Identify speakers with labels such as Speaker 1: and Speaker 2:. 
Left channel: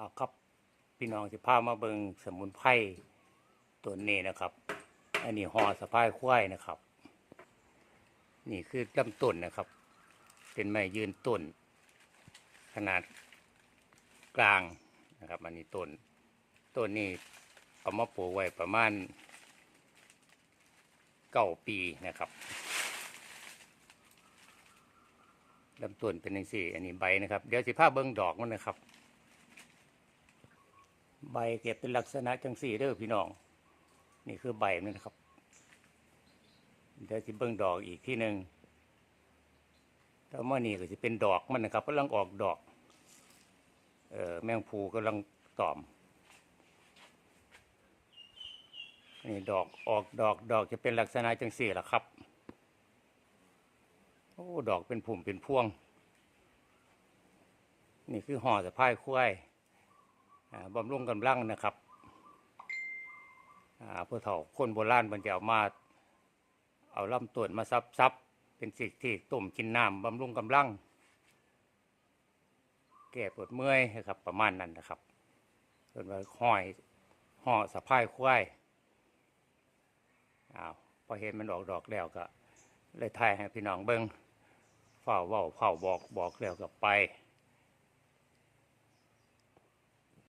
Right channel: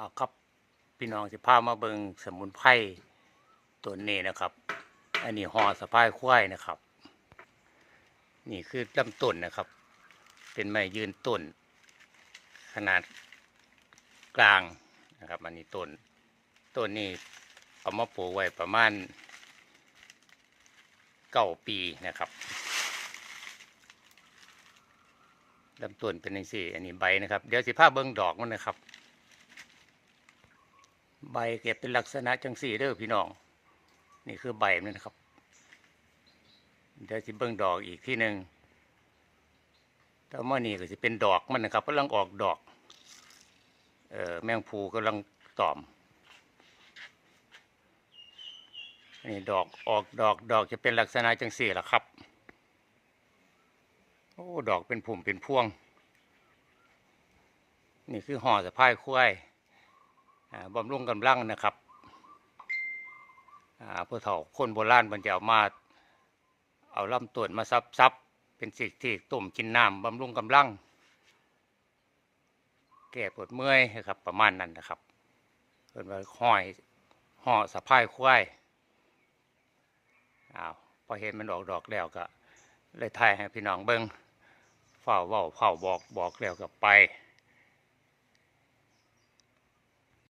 Speaker 1: เอาครับพี่น้องสิพามาเบิงสมุนไพรตัวนี้นะครับ อันนี้ห่อสะพายควายนะครับ นี่คือลำต้นนะครับ เป็นไม้ยืนต้น ขนาดกลางนะครับอันนี้ต้นต้นนี้เอามาปลูกไว้ประมาณเก้าปีนะครับลำต้นเป็นอย่างสี่ อันนี้ใบนะครับ เดี๋ยวสิพาเบิ้งดอกมันนะครับ ใบเก็บเป็นลักษณะจังสี่เด้อพี่น้อง นี่คือใบมันนะครับ เดี๋ยวสิเบิ้งดอกอีกที่หนึ่งแล้วเมื่อนี้ก็จะเป็นดอกมันนะครับกำลังออกดอก เออแมงภูกำลังตอม นี่ดอกออกดอกดอกจะเป็นลักษณะจังสี่ละครับ โอ้ดอกเป็นผุ่มเป็นพวง นี่คือห่อสะพายควายอ่า บำรุงกำลังนะครับผู้เฒ่าคนโบราณมันจะเอามาเอาลำต้นมาซับซับเป็นสิ่งที่ต้มกินน้ำบำรุงกำลัง แก้ปวดเมื่อยนะครับประมาณนั้นนะครับเพิ่นว่าห้อยห่อสะพายควายอ้าวพอเห็นมันออกดอกแล้วก็ เลยถ่ายให้พี่น้องเบิ้งเฝ้าเว้าเฝ้าบอกบอกแล้วก็ไป